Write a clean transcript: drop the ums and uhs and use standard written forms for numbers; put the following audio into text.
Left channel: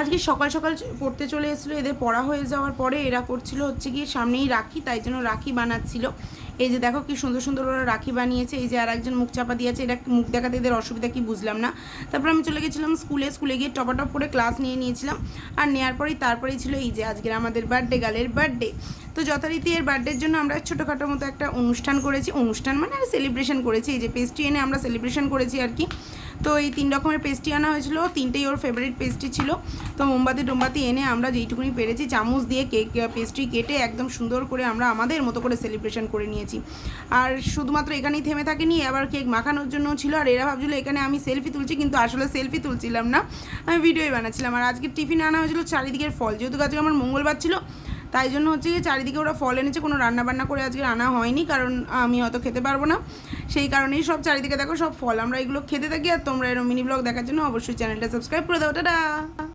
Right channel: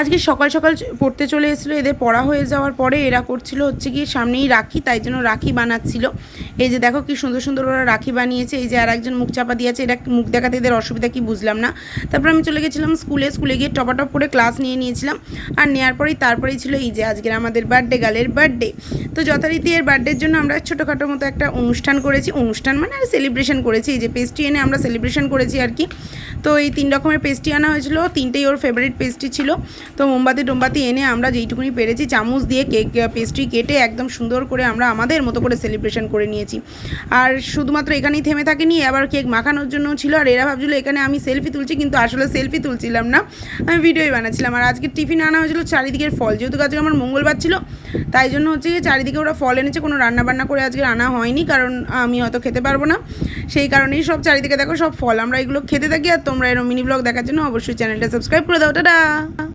আজকে সকাল সকাল পড়তে চলে এসেছিলো। এদের পড়া হয়ে যাওয়ার পরে এরা করছিল হচ্ছে কি সামনেই রাখি, তাই জন্য রাখি বানাচ্ছিল। এই যে দেখো কি সুন্দর সুন্দর ওরা রাখি বানিয়েছে। এই যে আর একজন মুখ চাপা দিয়েছে, এটা মুখ দেখাতে এদের অসুবিধা কি বুঝলাম না। তারপর আমি চলে গেছিলাম স্কুলে গিয়ে টপাটপ করে ক্লাস নিয়েছিলাম। আর নেওয়ার তারপরেই ছিল এই যে আজকের আমাদের বার্থডে গার্লের বার্থডে। তো যথারীতি এর বার্থডের জন্য আমরা ছোটোখাটো মতো একটা অনুষ্ঠান করেছি, অনুষ্ঠান মানে আর সেলিব্রেশন করেছি। এই যে পেস্ট্রি এনে আমরা সেলিব্রেশন করেছি আর কি। তো এই 3 রকমের পেস্ট্রি আনা হয়েছিল, 3টেই ওর ফেভারিট পেস্ট্রি ছিল। তো মোমবাতি এনে আমরা যেইটুকুনি পেরেছি চামচ দিয়ে কেক পেস্ট্রি কেটে একদম সুন্দর করে আমরা আমাদের মতো করে সেলিব্রেশন করে নিয়েছি। আর শুধুমাত্র এখানেই থেমে থাকেনি, আবার কেক মাখানোর জন্য ছিল। আর এরা ভাবছিল এখানে আমি সেলফি তুলছি, কিন্তু আসলে সেলফি তুলছিলাম না, আমি ভিডিওই বানাচ্ছিলাম। আর আজকে টিফিন আনা হয়েছিল চারিদিকের ফল, যেহেতু আজকে আমার মঙ্গলবার ছিল, তাই জন্য হচ্ছে চারিদিকে ওরা ফল এনেছে। কোনো রান্নাবান্না করে আজকে আনা হয়নি, কারণ আমি হয়তো খেতে পারবো না, সেই কারণেই সব চারিদিকে দেখো সব ফল। আমরা এগুলো খেতে থাকি। আর তোমরা এরকম মিনি ব্লগ দেখার জন্য অবশ্যই চ্যানেলটা সাবস্ক্রাইব করে দাও। টাটা।